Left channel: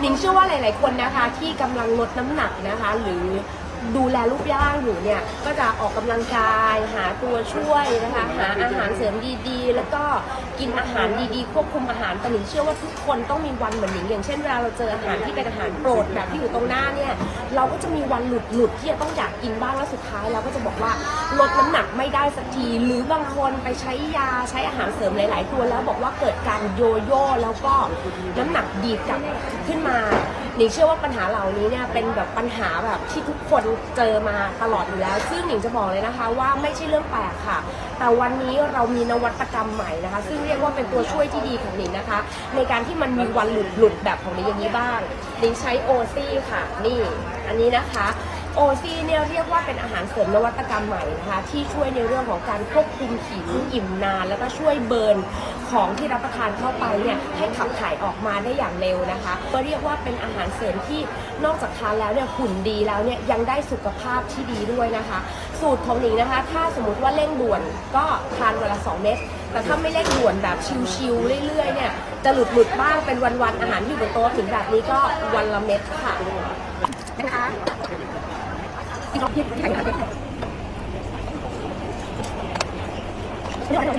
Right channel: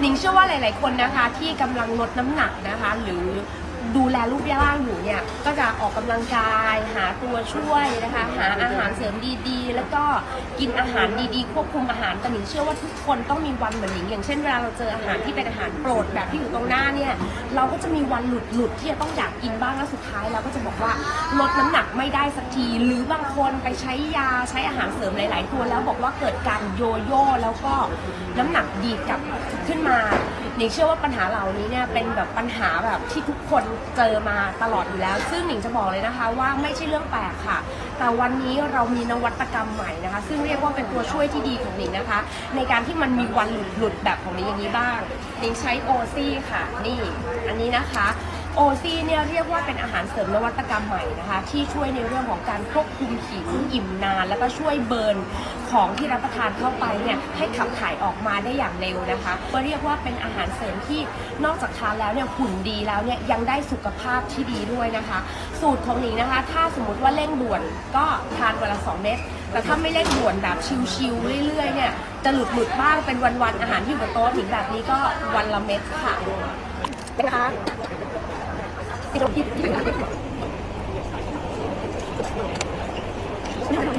หนิงเชื่อว่าหลาย ๆ คนนะคะที่กำลังลดน้ำหนักนะคะ หรือ ดูแลรูปร่างอยู่เนี่ย ก็จะออกกำลังกายหาตัวช่วยนะคะ หาอาหารเสริมดีๆ แล้วก็กินอาหารดีๆ ควบคุมอาหารแต่หนิงเชื่อว่าทุกคนต้องมีวันเหมือนหนิงอย่างเช่นเวลาเราเจออาหารที่เป็นอาหารโปรดแบบที่อยู่ตรงหน้าเนี่ย เราก็จะมีวันหลุดหลุดๆที่จะต้องอยากกินบ้างแล้วสุดท้ายเราก็จะบอกว่าลดน้ำหนักไม่ได้สักที หรือบางคนไปใช้ยาใช้อาหารเสริมหลาย ๆ ตัวแล้วบอกว่าเกิดการโยโย่แล้วก็น้ำหนักดีกลับขึ้นมาหนิงเชื่อว่าปัญหาเหล่านี้เนี่ยเป็นแบบปัญหาแบบที่ทุกคนเจอมาตลอดอยู่แล้ว ซึ่งหนิงจะบอกเลยนะคะว่าไม่ใช่เรื่องแปลกค่ะ แต่วันนี้เรามีนวัตกรรมใหม่นะคะ ซึ่งเรียกว่าเป็นตัวช่วยที่ดีของหนิงนะคะ ในการที่มันมีวันหลุดหลุดแบบของหนิงอย่างนี้บ้างหนิงใช้โอซี่ค่ะ นี่ อันนี้นะคะ โอซีเนี่ยเรียกว่าเป็นอาหารเสริมนวัตกรรมใหม่นะคะ ที่ช่วยในเรื่องของการควบคุมผิวอิ่มนาน แล้วก็ช่วยเบิร์นของที่รับประทานเข้าไปเนี่ยให้ขับถ่ายออกมาได้อย่างเร็วนะคะ ก็เรียกว่าเป็นอาหารเสริมที่นอกจากทานแล้วเนี่ยหุ่นดีแล้วเนี่ยยังได้สุขภาพที่ดีด้วยนะคะ สูตรของหนิงนะคะ ถ้าสมมติว่าเร่งด่วนก็ทานวันละสองเม็ดแต่ถ้าไม่เร่งด่วนแบบชิวๆเรื่อยๆเนี่ยจะหลุดหลุดบ้างเป็นวันๆอาหารที่อยู่บนโต๊ะหนิงแบบนี้ก็วันละเม็ดค่ะ นะคะที่เราที่